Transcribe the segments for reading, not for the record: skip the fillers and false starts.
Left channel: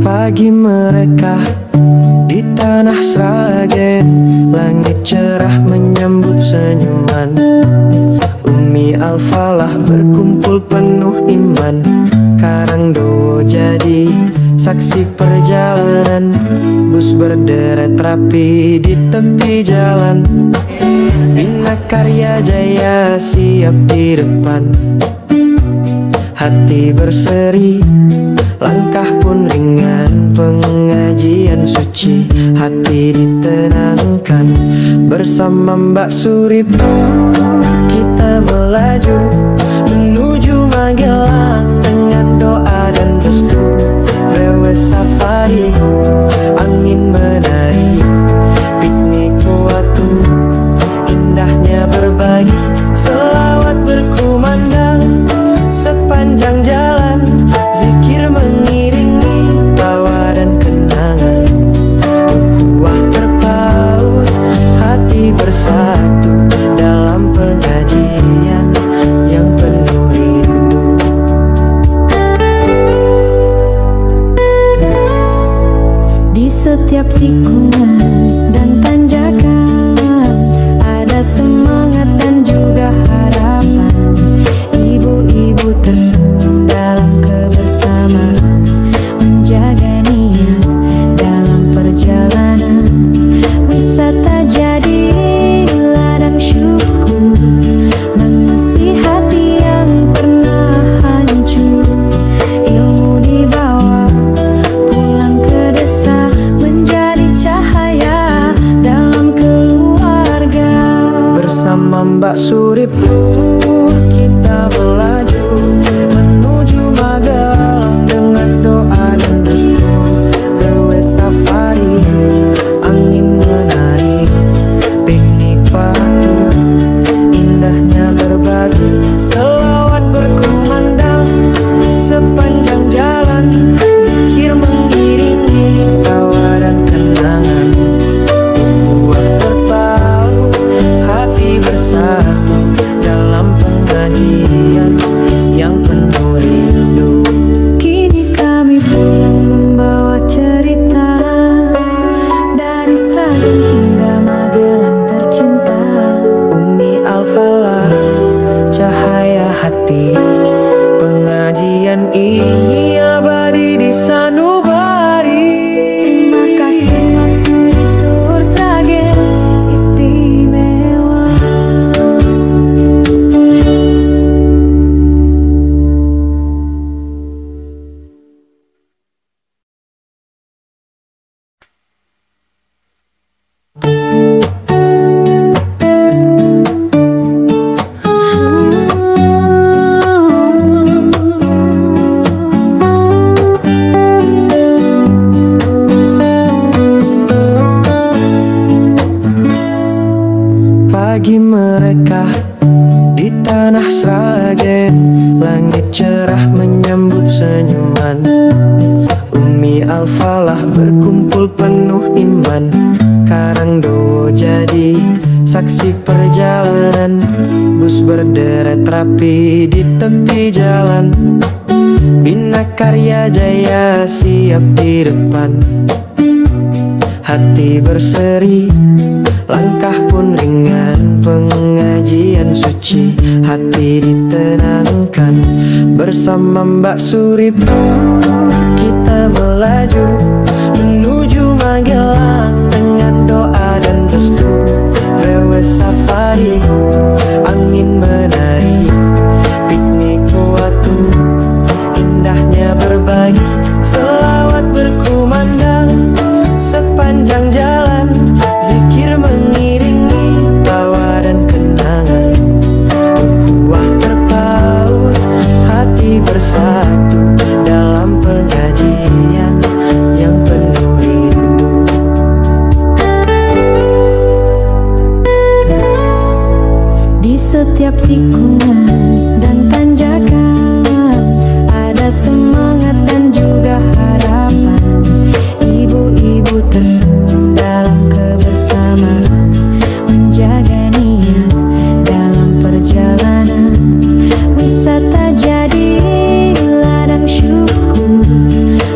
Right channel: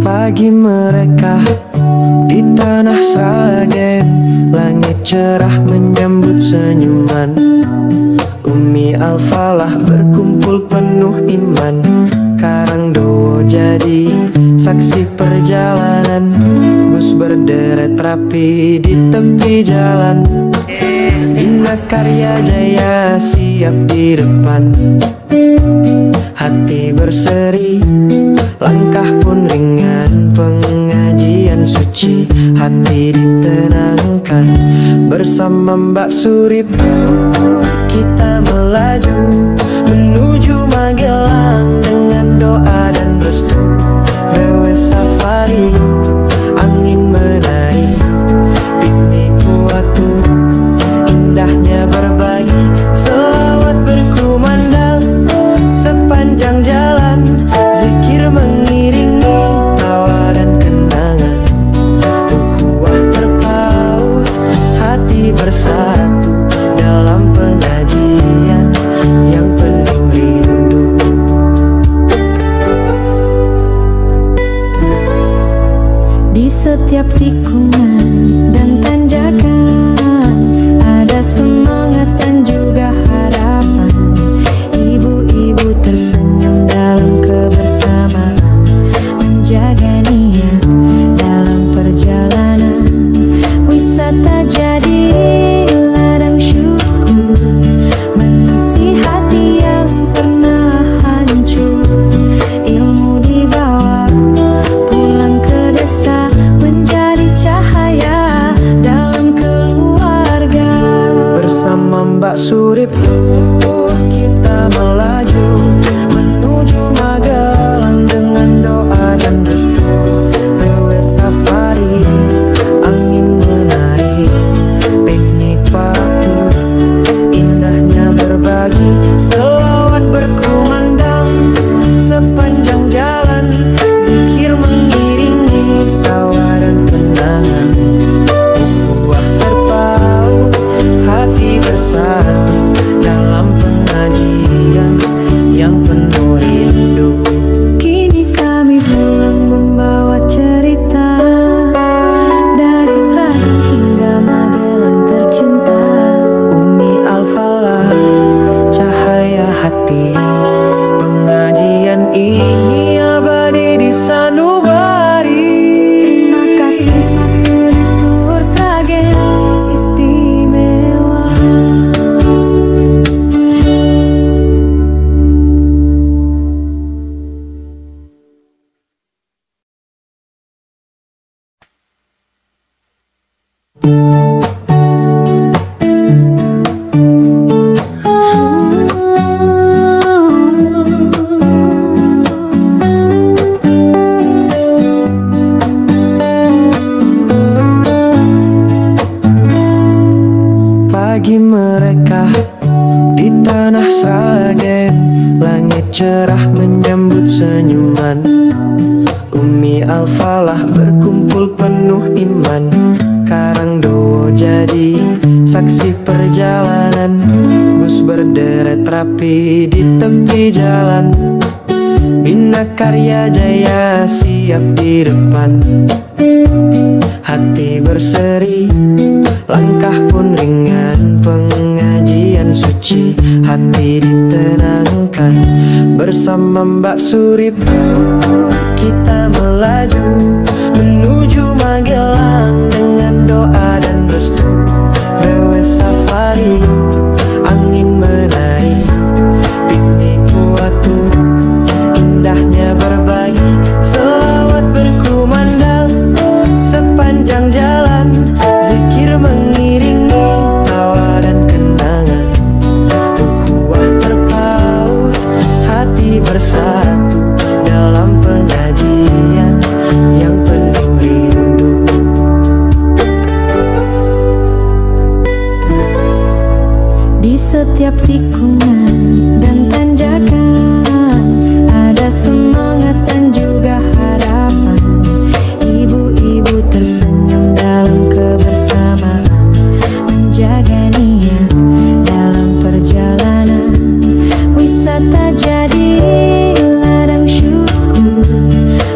Pagi mereka di tanah Sragen, langit cerah menyambut senyuman. Umi Al-Falah berkumpul penuh iman. Karangdowo jadi saksi perjalanan. Bus berderet rapi di tepi jalan. Bina Karya Jaya siap di depan. Hati berseri, langkah pun ringan, pengajian suci, hati ditenangkan. Bersama Mbak Suriptur kita melaju menuju Magelang dengan doa dan restu. VW safari, angin menari, piknik kuatu, indahnya berbagi, selawat berkumandang. Sepanjang jalan zikir mengiringi, tawa dan kenangan. Ukhuwah terpaut, hati bersatu dalam pengajian yang penuh rindu. Di setiap tikungan dan tanjakan ada semangat dan juga harapan. Ibu-ibu tersenyum dalam kebersamaan, menjaga niat dalam perjalanan. Wisata jadi ladang syukur, mengisi hati yang pernah hancur. Ilmu dibawa pulang ke desa, menjadi cahaya dalam keluarga. Bersama Mbak Suriptur kita melaju menuju Magelang dengan doa dan restu. VW safari, angin menari, piknik patut, indahnya berbagi, selawat berkumandang. Sepanjang jalan zikir mengiringi, tawa dan kenangan. Ukhuwah terpaut, hati bersatu dalam pengajian yang penuh rindu. Kini kami pulang membawa cerita, dari Sragen hingga Magelang tercinta. Umi Al-Falah, cahaya hati, pengajian ini abadi di sanubari. Terima kasih Mak Suriptur Sragen istimewa. Pagi mereka di tanah Sragen, langit cerah menyambut senyuman. Umi Al-Falah berkumpul penuh iman. Karangdowo jadi saksi perjalanan. Bus berderet rapi di tepi jalan. Bina Karya Jaya siap di depan. Hati berseri, langkah pun ringan, pengajian suci, hati ditenangkan. Bersama Mbak Suriptur kita melaju menuju Magelang dengan doa dan restu. VW safari, angin menari, piknik kuatu, indahnya berbagi, selawat berkumandang. Sepanjang jalan zikir mengiringi, tawa dan kenangan. Ukhuwah terpaut, hati bersatu dalam pengajian yang penuh rindu. Di setiap tikungan dan tanjakan ada semangat dan juga harapan. Ibu-ibu tersenyum dalam kebersamaan, menjaga niat dalam perjalanan. Wisata jadi ladang syukur,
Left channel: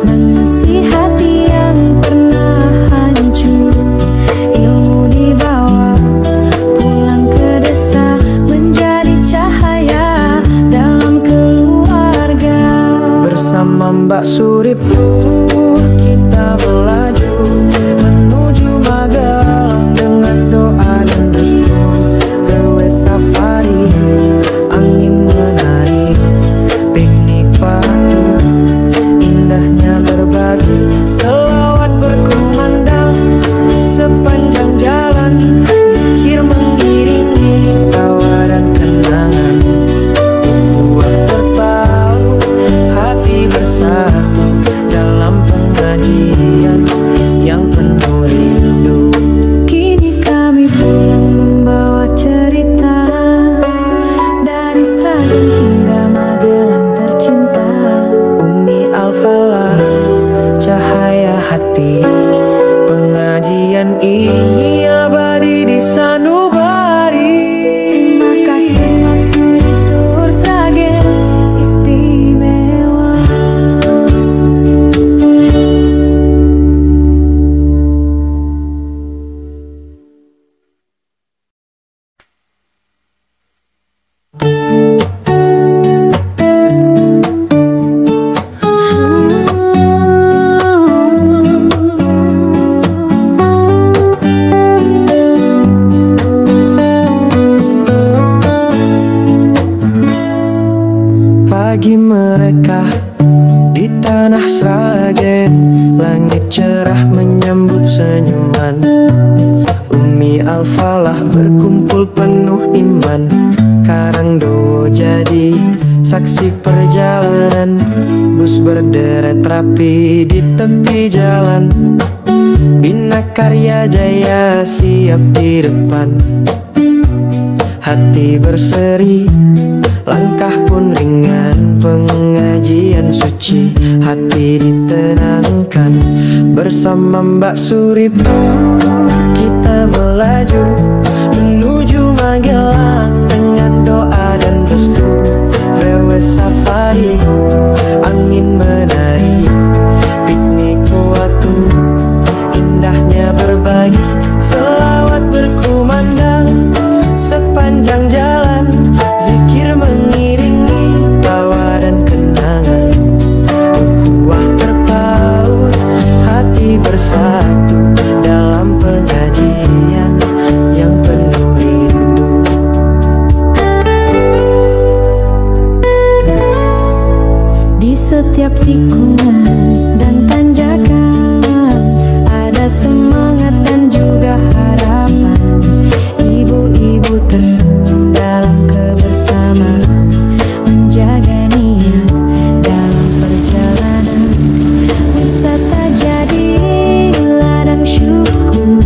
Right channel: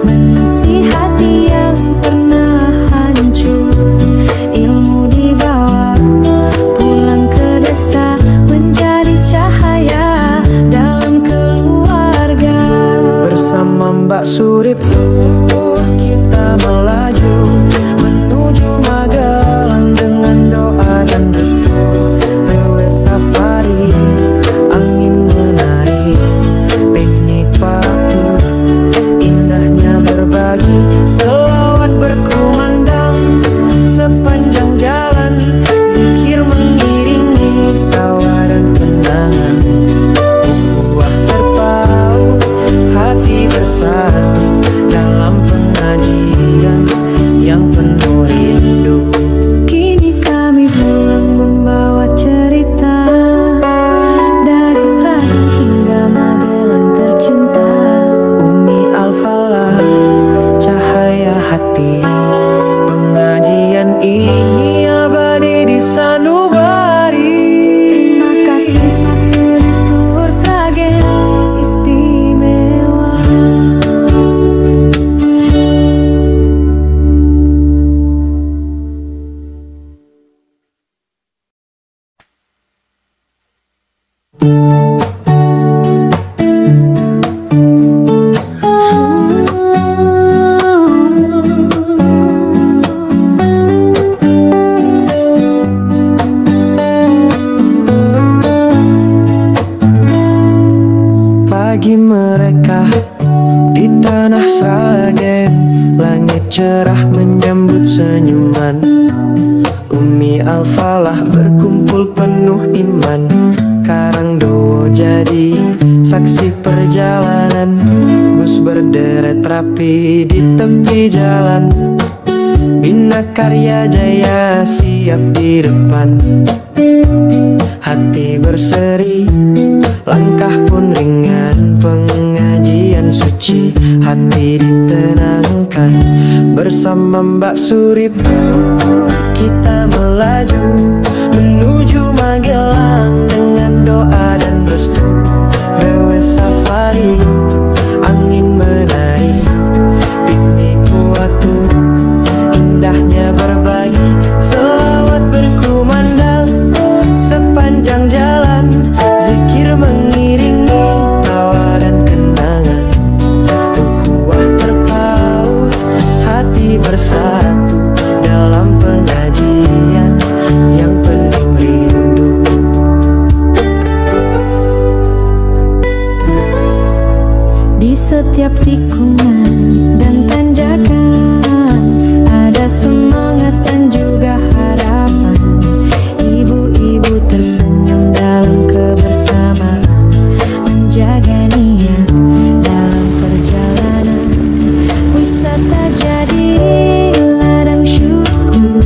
mengisi hati yang pernah hancur. Ilmu dibawa pulang ke desa, menjadi cahaya dalam keluarga. Bersama Mbak Surip Tur kita melaju menuju Magelang dengan doa dan restu. VW safari, angin menari, piknik patuh, indahnya berbagi, selawat berkumandang sepanjang jalan, zikir mengiringi tawa dan kenangan. Ukhuwah terpaut, hati bersatu dalam pengajian yang penuh rindu. Kini kami pulang membawa cerita, dari Sragen hingga Magelang tercinta. Umi Al-Falah, cahaya hati, pengajian ini abadi di sanubari. Terima kasih Maksuri Tur Sragen istimewa. Pagi mereka di tanah Sragen, langit cerah menyambut senyuman. Umi Al-Falah berkumpul penuh iman, Karangdowo jadi saksi perjalanan. Bus berderet rapi di tepi jalan, Bina Karya Jaya siap di depan. Hati berseri, langkah pun ringan, pengajian suci, hati ditenangkan. Bersama Mbak Surip Tur kita melaju menuju Magelang dengan doa dan restu. VW safari, angin menari, piknik kuatu, indahnya berbagi, selawat berkumandang sepanjang jalan, zikir mengiringi tawa dan kenangan. Ukhuwah terpaut, hati bersatu dalam pengajian yang penuh rindu. Di setiap tikungan dan tanjakan ada semangat dan juga harapan. Ibu-ibu tersenyum dalam kebersamaan, menjaga niat dalam perjalanan. Wisata jadi ladang syukur,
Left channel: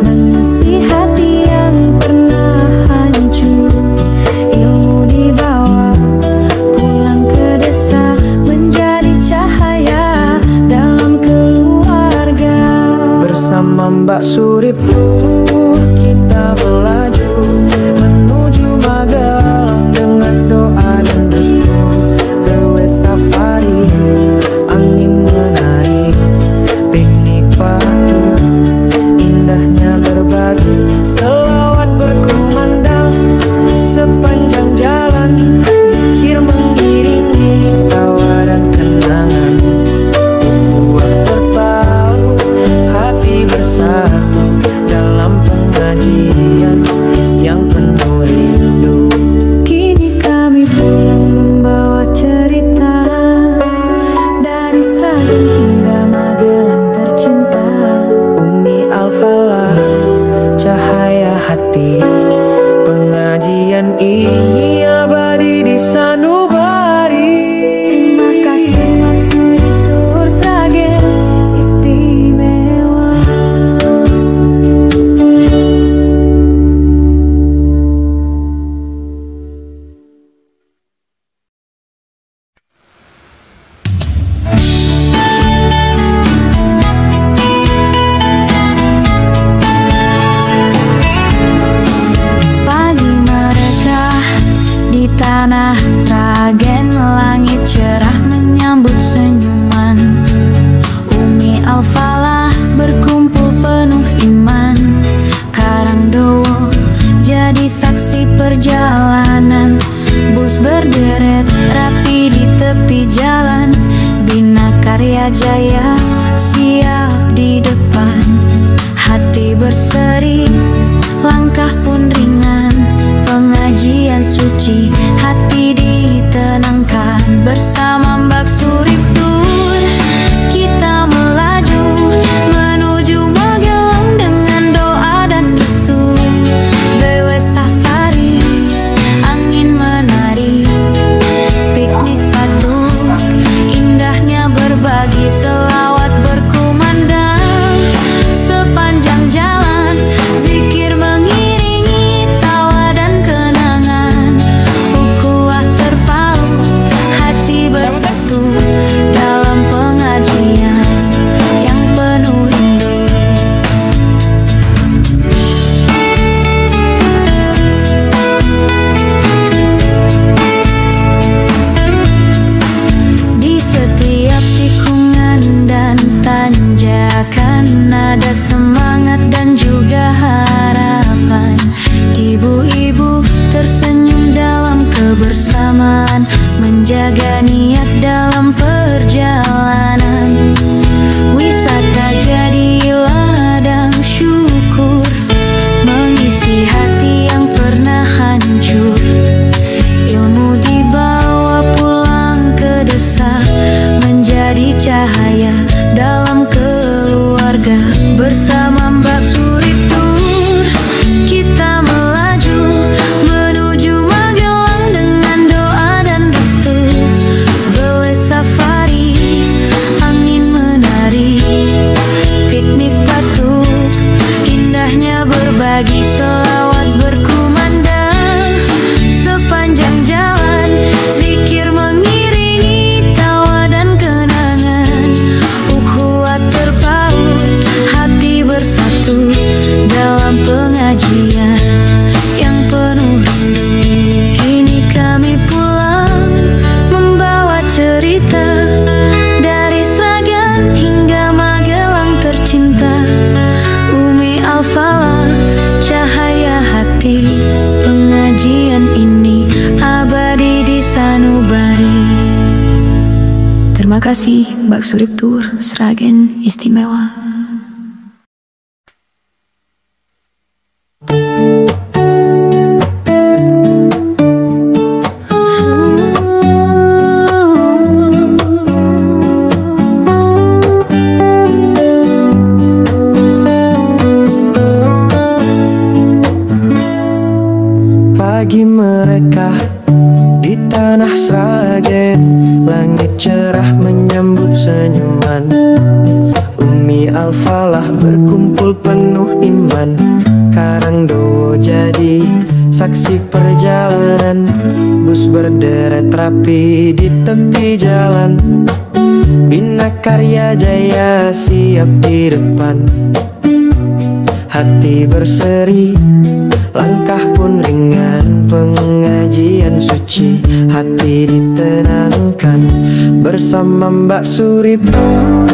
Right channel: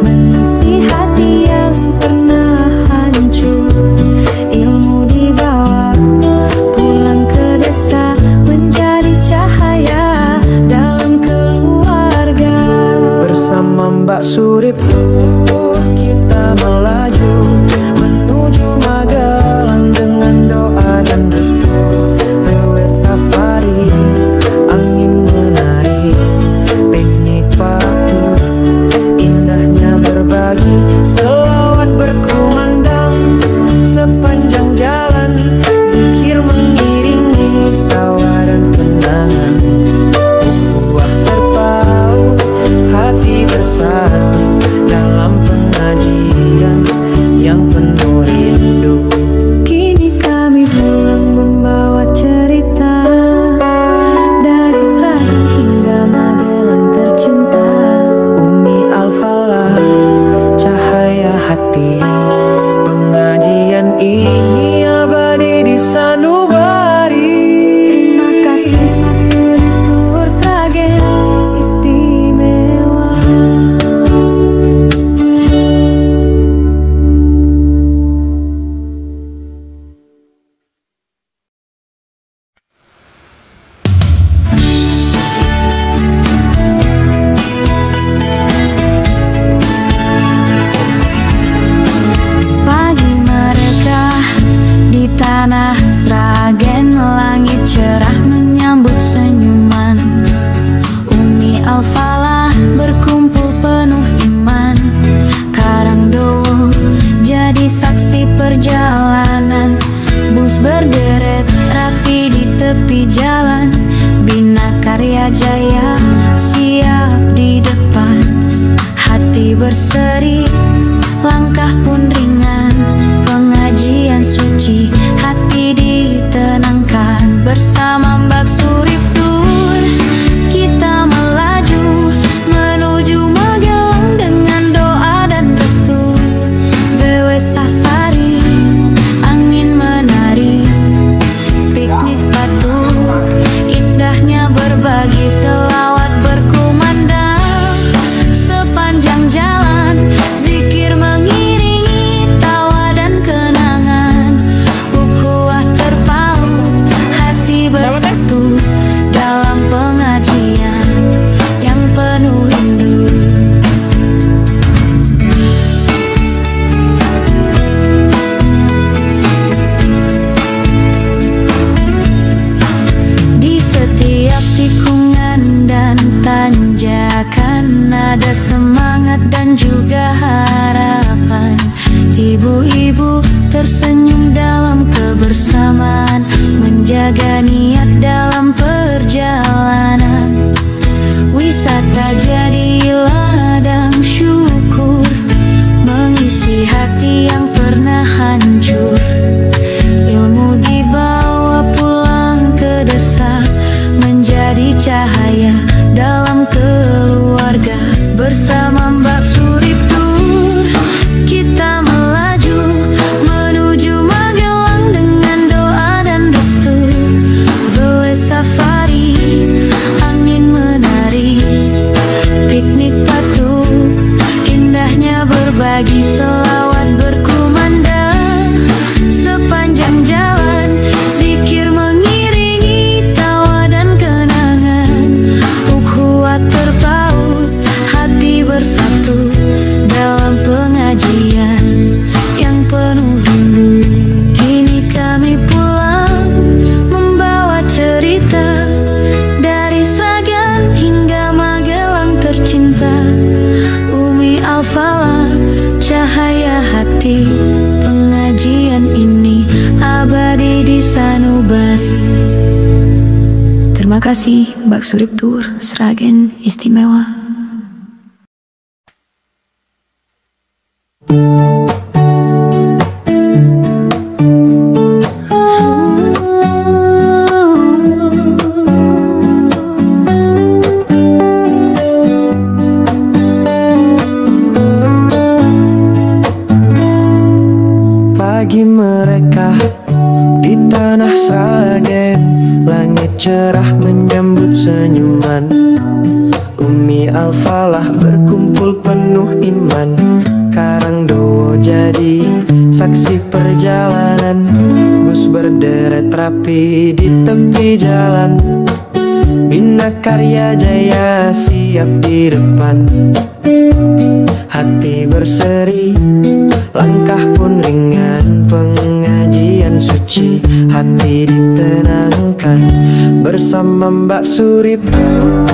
mengisi hati yang pernah hancur. Ilmu dibawa pulang ke desa, menjadi cahaya dalam keluarga. Bersama Mbak Surip Tur kita melaju menuju Magelang dengan doa dan restu. VW safari, angin menari, piknik patuh, indahnya berbagi, selawat berkumandang sepanjang jalan, zikir mengiringi tawa dan kenangan. Ukhuwah terpaut, hati bersatu dalam pengajian yang penuh rindu. Kini kami pulang membawa cerita, dari Sragen hingga Magelang tercinta. Umi Al-Falah, cahaya hati, Pengajian ini abadi di sanubari. Terima kasih Maksuri Tour Sragen Istimewa. Di tanah Sragen, langit cerah menyambut senyuman. Umi Al-Falah berkumpul penuh iman. Karangdowo jadi saksi perjalanan. Bus berderet rapi di tepi jalan. Bina Karya Jaya siap di depan. Hati berseri, langkah pun ringan. Pengajian suci, hati ditenangkan. Bersama Mbak Surip Tour kita melaju menuju Magelang dengan doa dan restu. VW Safari, angin menari, piknik patuk, indahnya berbagi selawat berkumandang. Sepanjang jalan zikir mengiringi tawa dan kenangan. Ukhuwah terpaut, hati bersatu dalam pengajian yang penuh rindu. Di setiap tikungan dan tanjakan ada semangat dan juga harapan. Ibu-ibu tersenyum dalam kebersamaan, menjaga niat dalam perjalanan. Wisata jadi ladang syukur, mengisi hati yang pernah hancur. Ilmu dibawa pulang ke desa, menjadi cahaya dalam keluarga. Bersama Mbak Surip Tour kita melaju menuju Magelang dengan doa dan restu. VW Safari, angin menari, piknik patuk, indahnya berbagi selawat berkumandang. Sepanjang jalan zikir mengiringi tawa dan kenangan. Ukhuwah terpaut, hati bersatu dalam pengajian yang penuh rindu. Kini kami pulang membawa cerita dari Sragen hingga Magelang tercinta. Umi Al-Falah, cahaya hati, pengajian ini abadi di sanubari. Terima kasih Mbak Surip Tour Sragen Istimewa. Pagi mereka di tanah Sragen, langit cerah menyambut senyuman. Umi Al-Falah berkumpul penuh iman. Karangdowo jadi saksi perjalanan. Bus berderet rapi di tepi jalan. Bina Karya Jaya siap di depan. Hati berseri, langkah pun ringan. Pengajian suci, hati ditenangkan. Bersama Mbak Surip Tour